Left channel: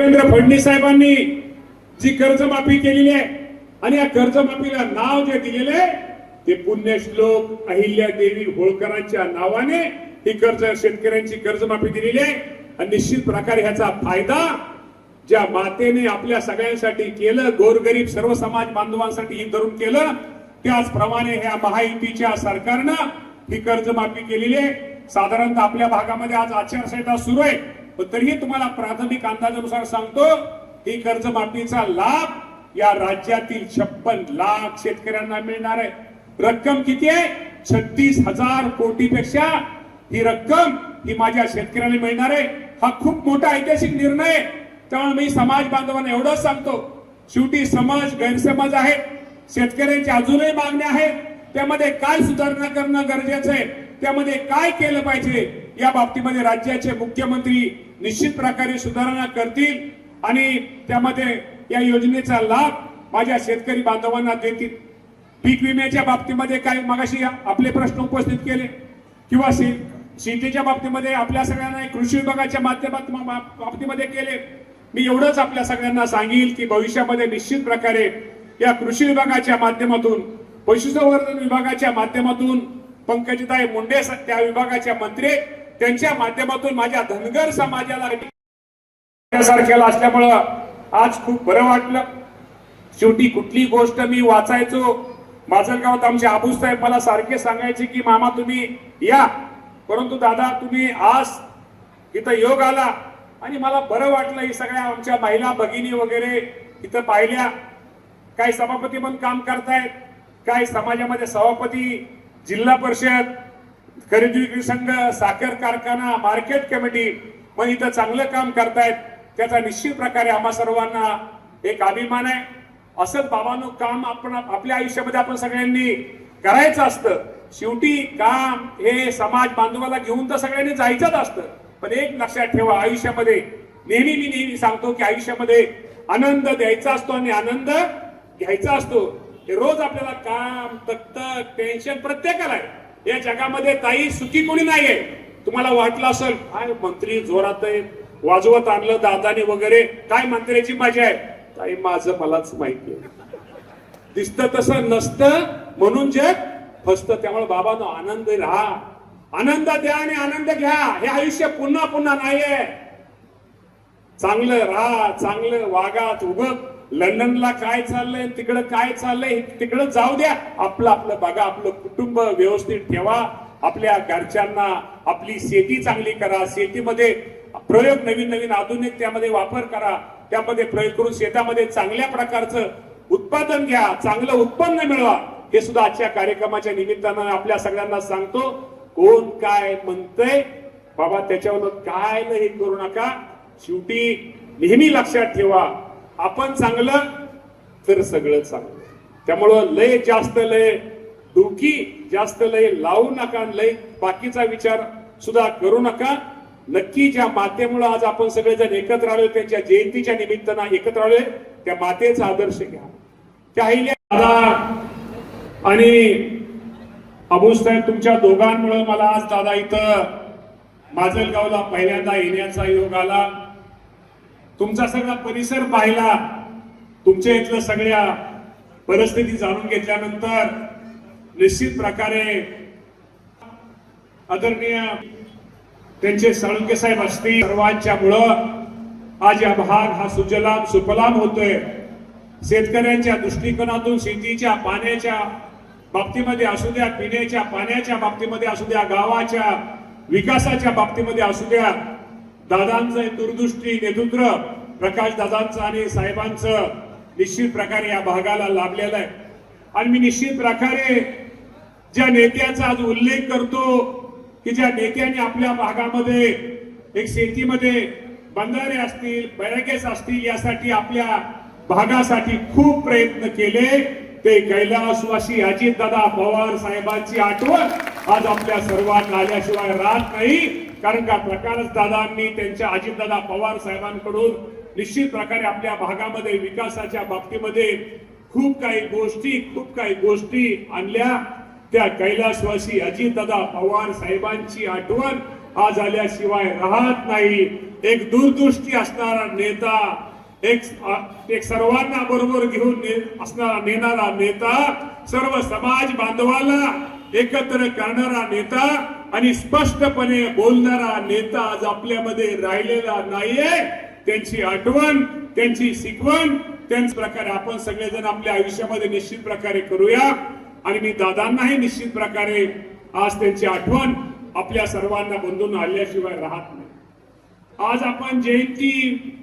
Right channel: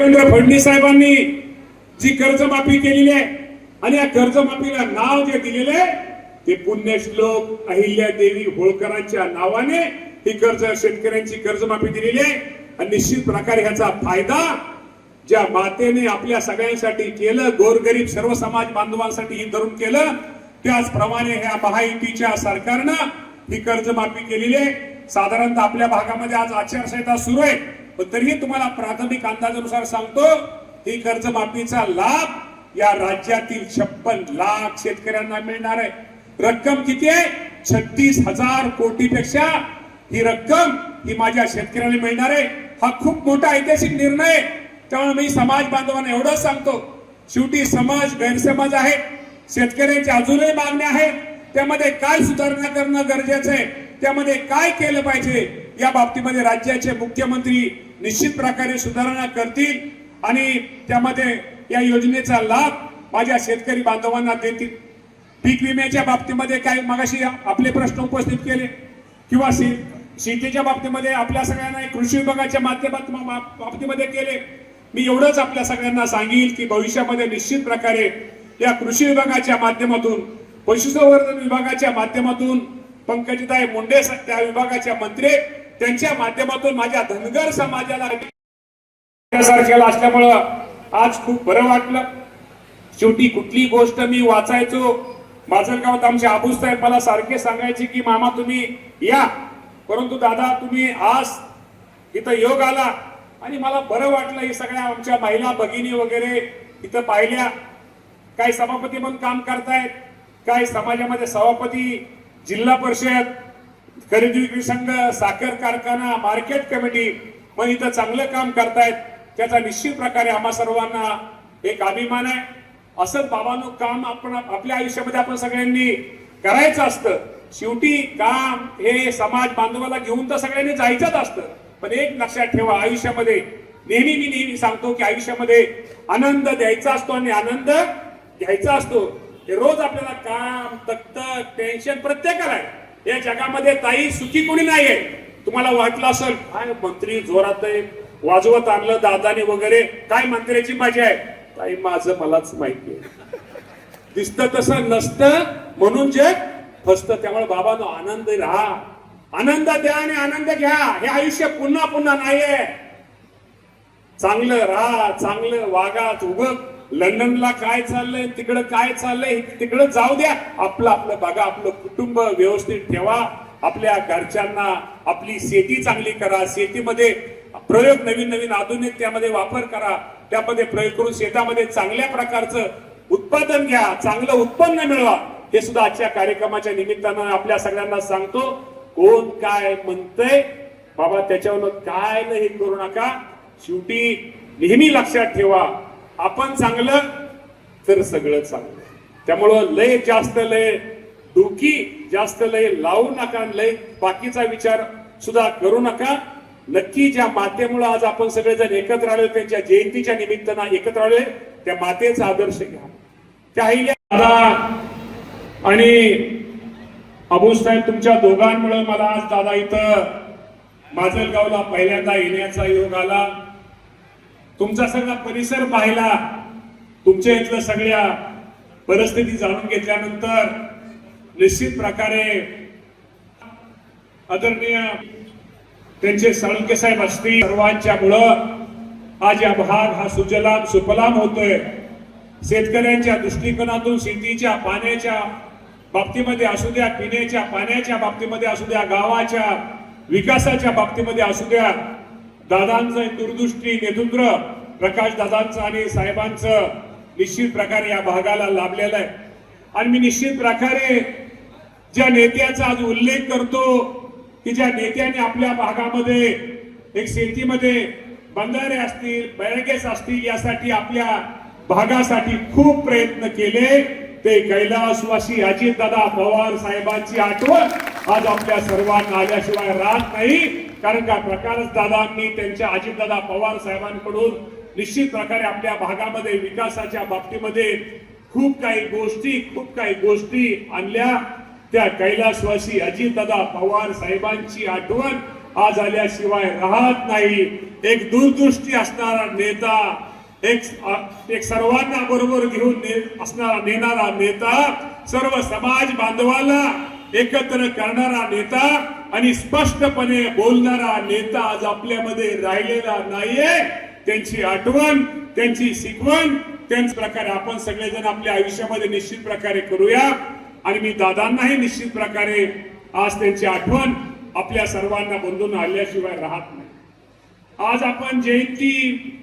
देवेंद्र फडणवीस साहेबांनी जी कर्जमाफी केलेली आहे आणि या कर्जमाफीला नाव जे दिलेले आहे ते पुण्यश्लोक अहिल्यादेवी होळकरांच्या नावाने ही शेतकऱ्यांची कर्जमाफी दिलेली आहे। आणि निश्चित प्रकारे ह्याचा फायदा ज्या मातेने आपल्या सगळ्यांसाठी केलं, गोरगरीब सर्व समाज बांधवांसाठी ही धरून केलं, त्याचप्रमाणे ह्या महायुतीच्या सरकारनं ही कर्जमाफी केलेली आहे। साधारणतः आपल्या भागामध्ये आज आचारसंहिता सुरू आहे, पण तरीही तुम्हाला प्राथमिक अंदाजानुसार सांगतो ही कर्जमाफीचा लाभ या राज्यातील 56 लाख शेतकऱ्यांना मिळणार आहे। रक्कम किती आहे? 36,000 कोटीपेक्षा ही रक्कम ही माझ्या शेतकऱ्यांना मिळणार आहे। हा खूप मोठा ऐतिहासिक निर्णय आहे। त्यामुळे मी समाज बांधवांना एवढंच सांगतो, शेवटी समाज गैरसमज आहे, शेतकऱ्यांच्या अजूनही मागण्या आहेत, त्यामध्ये काय सुधारणा करणं गरजेचं आहे, त्यामध्ये काय केलं पाहिजे या बाबतीमध्ये राज्याचे मुख्यमंत्री निश्चित प्रकारे सुधारणा करतील आणि त्यामध्ये या योजनेचा लाभ माझ्या शेतकरी बांधवांना देतील। पीक विम्याच्या बाबतीमध्ये काय मगाशी आपले प्रश्न उपस्थित केले किंवा शेतीच्या बाबतीमध्ये आपल्या सगळ्यांना कृषी विभागाच्या माध्यमातून बाबतीमध्ये केले। मी एवढंच आपल्या सगळ्यांना सांगेल की भविष्यामध्ये निश्चित प्रकारे या कृषी विभागाच्या माध्यमातून, पशुसंवर्धन विभागाच्या माध्यमातून पंकजताई मुंडे त्या विभागाच्या मंत्री त्यांच्या माध्यमातून माझ्या धनगर समाजाला सारख्याला असल्यामुळं आज खूप बरं वाटलं। शेवटी कुठली गोष्ट मी वाचायचो, माजलगावात आमचे आबूसाहेब मला सारखे सांगायचे की मामा तुम्ही या, परंतु दादा तुम्ही आज इथं योग आला आणि मला बरं वाटलं। हे सगळ्या आमच्या महिला भगिनी वगैरे इथं पाहिल्या, काय सभापती म्हणून काम करतायत, काय समाजामध्ये सभापती, जिल्हा परिषद, खरेदी विक्री संघ, साखर कारखाना, मार्केट कमिटी मग इथं चांगलं काम करतायत। त्याचा निश्चित प्रकारे आम्हा सर्वांना एक अभिमान आहे। असंच बाबांनो काम आपण आपल्या आयुष्यामध्ये आपण सगळ्यांनी करायचं असतं। शेवटी काम हे समाज बांधवाला घेऊन तर सगळ्यांनी जायचंच असतं, पण एक लक्षात ठेवा, आयुष्यामध्ये नेहमी सांगतो की आयुष्यामध्ये आनंद द्यायचा असतो आणि आनंद घ्यायचा असतो। हे रोज आपल्याला काम, तकतक, टेन्शन प्रत्येकाला आहे। या जगामध्ये ताई सुखी कोणी नाहीये। तुम्हाला वाटलं असेल काय मंत्री जोरात आहे, वाजवत आणलं दादाने वगैरे, काय मंत्र्याची मजा आहे, ताई माझं मलाच माहिती आहे, दिसतं तसं नसतं म्हणून जे फसतं। त्यामुळे बाबांनो आनंद राहा, आनंद द्या आणि आनंद घ्या। हे आयुष्य पुन्हा पुन्हा नाहीये। चांगलं राहा, चांगलं वागा। उगं लंडनला काय चाललंय, तिकडं काय चाललंय, तिकडं जाऊ द्या, आपलं आपलं बघा, आपलं कुटुंब व्यवस्थित ठेवा, आपल्या घरच्यांना आपली शेती चांगली करा, शेतीमध्ये प्रयोग नवीन आधुनिक त्यामध्ये वापर करा, त्यामध्ये प्रयोग करून शेतामध्ये चांगल्या प्रकारचं उत्पादन घ्या, चांगलं उत्पन्न मिळवा। हे सुद्धा आजच्या कार्यक्रमाच्या निमित्तानं आपल्या सगळ्यांना सांगतो। कोण काय म्हणतंय बाबा त्याच्यावर काय हे करू नका। शेवटी नेहमी लक्षात ठेवा, आपण चांगलं तर सगळं चांगलं। त्यामुळं लय जास्त लय डोकी जास्त लय लावू नका, लय बाकीचा विचार सुद्धा करू नका। नक्की ज्या मातेमुळे आज आपण सगळेजण एकत्र आलो, त्यांच्या जयंतीच्या निमित्तानं एकत्र आलोय, त्या मातेचा आदर्श घ्या। काही दादा आणि अबूसाहेब तुमच्या दोघांमुळे मला आज दादा इथं माजलगावला पहिल्यांदा येण्याचा योग आला। तुमचा सगळा परिसर पाहिला, तुमच्या इथलं सगळ्या परिस्थिती जाणून घेतल्यानंतर निश्चित प्रकारे आदरणीय त्यांचे साळुंके साहेब असतील सर्वांच्या मुळे आज या भाग हा सुजलाम सुफलाम होतोय। शेतकऱ्यांच्या दृष्टिकोनातून शेतीच्या पाण्याच्या बाबतीमध्ये असू द्या, पिण्याच्या पाण्याच्या बाबतीमध्ये असू द्या, गावाच्या विकासाच्या बाबतीमध्ये असू द्या, दादांचं दूरदृष्टी नेतृत्व प्रकाश दादांचं आणि साहेबांचं निश्चित प्रकारे या भागाला लाभलेलं आहे। आणि मी निश्चित प्रकारे ज्या नेत्याचा आज उल्लेख करतो की ज्या नेत्याने आपल्या भागामध्ये एक शेतीमध्ये बंधारे असतील, बॅरेजेस असतील, यासाठी आपल्या भागासाठी खूप प्रयत्न केले, ते कैलासवासी अजितदादा पवार साहेबांची आठवण आज आपल्या सर्वांना आल्याशिवाय राहत नाही। कारण का प्रकाश दादांनी त्यांच्या अजितदादा पवार साहेबांकडून निश्चित प्रकारे आपल्या भागामध्ये विकासाच्या बाबतीमध्ये खूप काही गोष्टी आणल्या। त्या कैलासवासी अजितदादा पवार साहेबांची आठवण आज आल्याशिवाय राहत नाही. एक दूरदृष्टी असणारा नेता, एक सर्वांना बरोबर घेऊन असणारा नेणारा नेता, सर्व समाज बांधवाला एकत्र करणारा नेता आणि स्पष्टपणे बोलणारा नेता आज आपल्यामध्ये राहिलेला नाहीये. त्यांची आठवण, त्यांची शिकवण, त्याच प्रकारे आपण सगळेजण आपल्या आयुष्यामध्ये निश्चित प्रकारे करूया. आणि मी दादांनाही निश्चित प्रकारे आज त्यांची आठवण आपल्या सर्वांना बंधून आल्याशिवाय राहत नाही. आज आपण जयंती